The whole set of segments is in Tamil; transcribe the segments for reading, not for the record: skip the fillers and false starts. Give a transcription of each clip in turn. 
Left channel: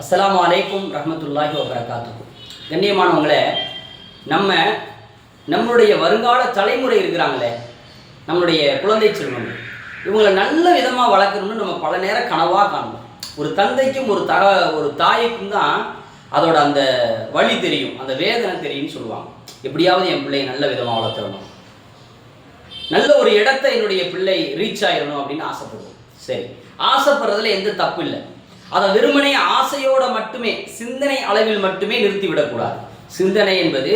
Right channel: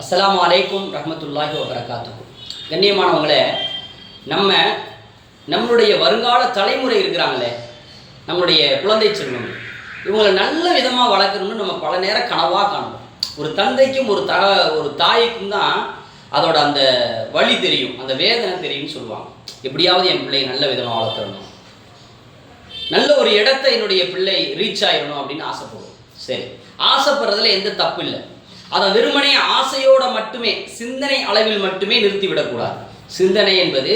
அஸ்ஸலாமு அலைக்கும் ரஹ்மத்துல்லாஹி வபரகாத்துஹு. கண்ணியமானவங்களே, நம்மளுடைய வருங்கால தலைமுறை இருக்கிறாங்களே, நம்மளுடைய குழந்தை செல்வம், இவங்களை நல்ல விதமாக வளர்க்கணும்னு நம்ம பல நேரம் கனவாக காணுவோம். ஒரு தந்தைக்கும் ஒரு தாய்க்கும் தான் அதோட அந்த வழி தெரியும், அந்த வேதனை தெரியும்னு சொல்லுவாங்க. எப்படியாவது என் பிள்ளையை நல்ல விதமாக வளர்த்துடணும், நல்ல ஒரு இடத்தை என்னுடைய பிள்ளை ரீச் ஆயிடணும் அப்படின்னு ஆசைப்படுவோம். சரி, ஆசைப்படுறதுல எந்த தப்பு இல்லை. அதை வெறுமனே ஆசையோட மட்டுமே, சிந்தனை அளவில் மட்டுமே நிறுத்திவிடக்கூடாது. சிந்தனை என்பது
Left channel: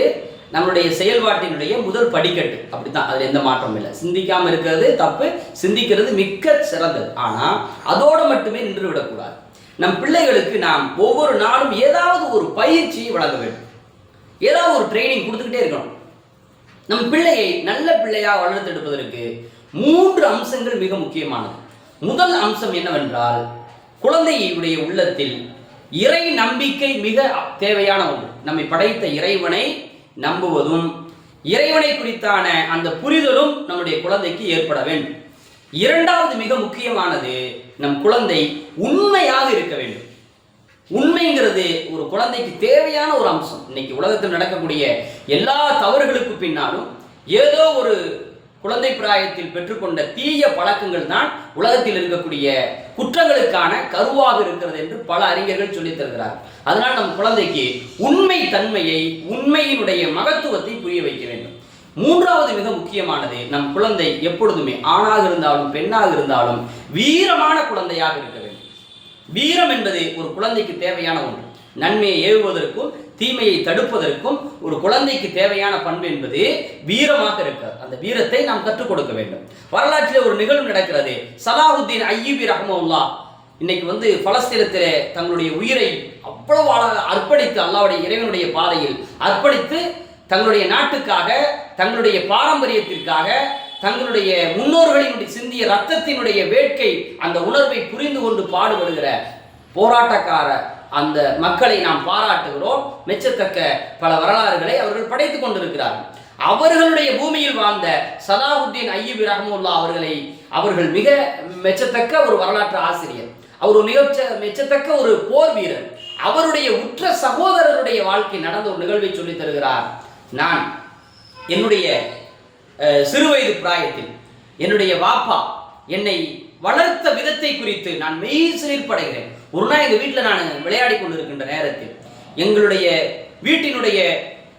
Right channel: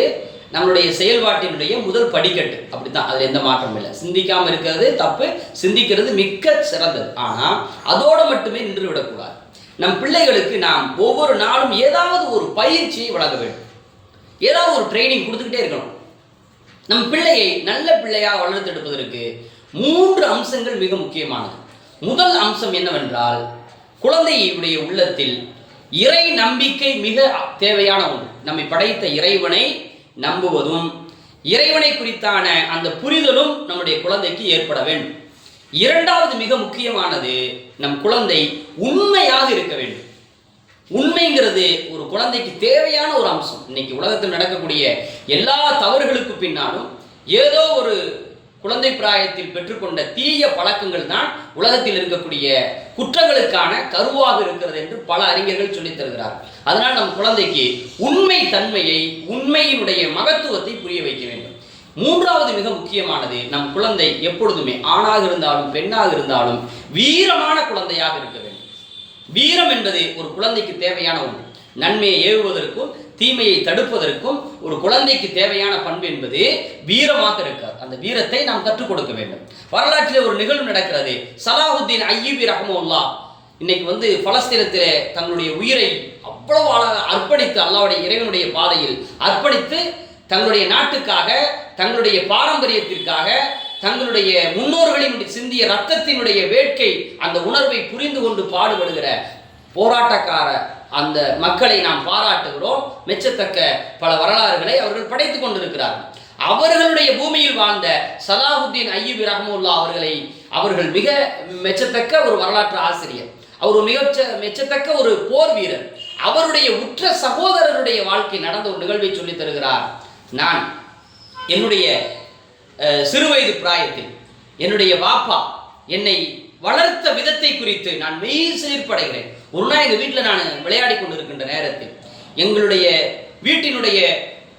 நம்மளுடைய செயல்பாட்டினுடைய முதல் படிக்கட்டு. அப்படித்தான், அதில் எந்த மாற்றமும் இல்லை. சிந்திக்காமல் இருக்கிறது தப்பு, சிந்திக்கிறது மிக்க சிறந்தது. ஆனால் அதோடு மட்டுமே நின்று விடக்கூடாது. நம் பிள்ளைகளுக்கு நாம் ஒவ்வொரு நாளும் ஏதாவது ஒரு பயிற்சியை வழங்க வேண்டும், ஏதாவது ஒரு ட்ரைனிங் கொடுத்துக்கிட்டே இருக்கணும். நம் பிள்ளையை நல்ல பிள்ளையாக வளர்த்தெடுப்பதற்கு 3 அம்சங்கள் மிக முக்கியமானது. முதல் அம்சம் என்னவென்றால், குழந்தையுடைய உள்ளத்தில் இறை நம்பிக்கை மிக தேவையான ஒன்று. நம்மை படைத்த இறைவனை நம்புவதும், இறைவனை குறித்தான அந்த புரிதலும் நம்முடைய குழந்தைக்கு ஏற்பட வேண்டும். இரண்டாவது மிக முக்கியமானது, நம் குழந்தை உண்மையாக இருக்க வேண்டும். உண்மைங்கிறது ஒரு குழந்தைக்கு தேவையான ஒரு அம்சம். இன்னைக்கு உலகத்தில் நடக்கக்கூடிய எல்லா தவறுகளுக்கு பின்னாலும் ஏதோ ஒரு குழந்தை பிராயத்தில் பெற்றுக்கொண்ட தீய பழக்கங்கள் தான் உலகத்தில் இருக்கக்கூடிய குற்றங்களுக்கான கருவாக இருக்கிறது என்று பல அறிஞர்கள் சொல்லித் தருகிறார். அதனால் நம் குழந்தைக்கு உண்மை தன்மையை, உண்மையினுடைய மகத்துவத்தை புரிய வைக்க வேண்டும். மூன்றாவது மிக முக்கியமானது, நம் குழந்தை எப்பொழுதுமே ஆணாக இருந்தாலும் பெண்ணாக இருந்தாலும் வீரமான குழந்தையாக இருக்க வேண்டும். வீரம் என்பது ஒரு குழந்தைக்கு தேவையான ஒன்று. நன்மையை ஏவுவதற்கும் தீமையை தடுப்பதற்கும் ஒரு குழந்தைக்கு தேவையான பண்பு என்பது வீரமாக இருக்காது. அந்த வீரத்தை நாம் கற்றுக் கொடுக்க வேண்டும். வரலாற்றிலே ஒரு நிகழ்வு நடக்கிறது. சலாஹுத்தீன் அய்யூபி ரஹ்மத்துல்லாஹ் இன்னைக்கு பலஸ்தீனத்திலே தங்களுடைய உயிரை அவ்வளவு அர்ப்பணித்து, அல்லாஹ்வுடைய இறைவனுடைய பாதையில் அர்ப்பணித்து, தங்களுடைய நாட்டுக்காக, தங்களுடைய பாரம்பரியத்திற்காக, தங்களுடைய முன்னோர்களின் சிந்திய ரத்தத்தினுடைய வேட்கை, அந்த உணர்வை புரிந்து கொண்டு பாடுபடுகிற போராட்டக்கார அந்த மக்களை நாம் பாராட்டுகிறோம். மெச்சத்தக்க பல வரலாறுகளை அவர்கள் படைத்துக் கொண்டிருக்கிறார்கள். அவர்களுடைய பூமியில் வாழ்ந்த சலாஹுத்தீன் அய்யூபி ரஹ்மத்துல்லாஹ் அவர்கள் மிக மெச்சத்தக்க ஒரு வரலாற்று ஆசிரியர். அவர் மிக மெச்சத்தக்க ஒரு போர் வீரர். அவருடைய உற்ற சகோதரருடைய வாழ்க்கை நடந்த ஒரு நிகழ்வை சொல்லித் தருகிறார். நான் என்னுடைய சிறுவயது பிராயத்தில் என்னுடைய வாப்பா என்னை வளர்த்த விதத்தை குறித்து நான் மெய் சிலிர்ப்படைகிறேன். ஒரு நாள் எங்கள் வீட்டில் நான் விளையாடி கொண்டிருக்கின்ற நேரத்தில் எங்களுடைய வீட்டினுடைய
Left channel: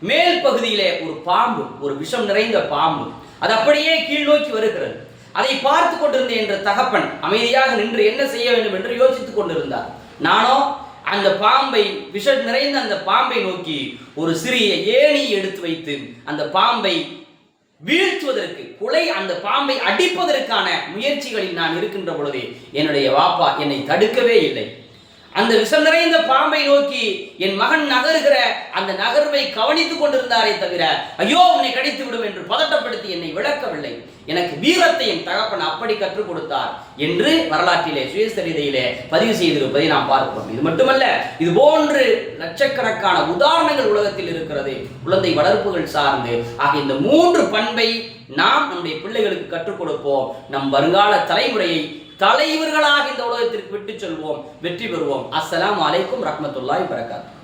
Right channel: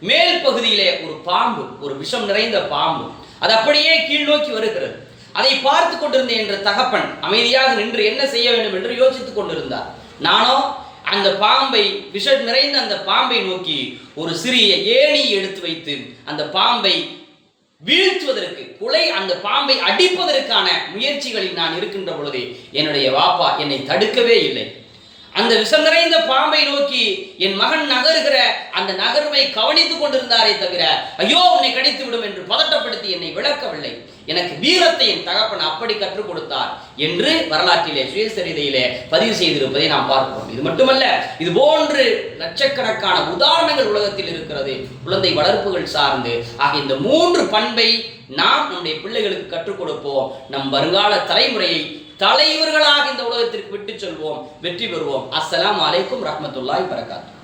மேல் பகுதியிலே ஒரு பாம்பு, ஒரு விஷம் நிறைந்த பாம்பு, அது அப்படியே கீழ் நோக்கி வருகிறது. அதை பார்த்து கொண்டிருந்த என்ற தகப்பன் அமைதியாக நின்று என்ன செய்ய வேண்டும் என்று யோசித்துக் கொண்டிருந்தார். நானோ அந்த பாம்பை, விஷம் நிறைந்த அந்த பாம்பை நோக்கி ஒரு சிறிய ஏணி எடுத்து வைத்து அந்த பாம்பை வீழ்த்துவதற்கு, அந்த பாம்பை அடிப்பதற்கான முயற்சிகளில் நான் இருக்கின்ற பொழுது என்னுடைய வாப்பா என்னை தடுக்கவே இல்லை. அந்த விஷம் நிறைந்த பாம்பை நோக்கி என் மகன் நகருகிற அந்த நகர்வை கவனித்துக் கொண்டிருந்தாரே தவிர, ஐயோ உன்னை கடித்து விடும் என்று பதட்டப்படுத்தி என்னை விளக்கவில்லை. எனக்கு வீரத்தை என் தகப்பன் அப்படி கற்றுக் கொடுத்தார் என்று வரலாற்றிலே, சுயசரிதையிலே பதிவு செய்திருப்பதை நாம் பார்க்கிறோம். இது மட்டுமல்ல, இது போன்று லட்சக்கணக்கான உதாரணங்கள் உலகத்தில் இருக்கிறது, குழந்தை வளர்ப்புகள் சார்ந்து. ஆக இந்த 3 பண்பை நாம் நம்முடைய பிள்ளைகளுக்கு கற்றுக் கொடுப்போம். நம் வருங்கால தலைமுறையை தலைவர்களாக இந்த உலகத்திற்கு விட்டு செல்வோம், வெற்றி பெறுவோம். அஸ்ஸலாமு அலைக்கும் ரஹ்மத்துல்லாஹி வபரகாத்துஹு.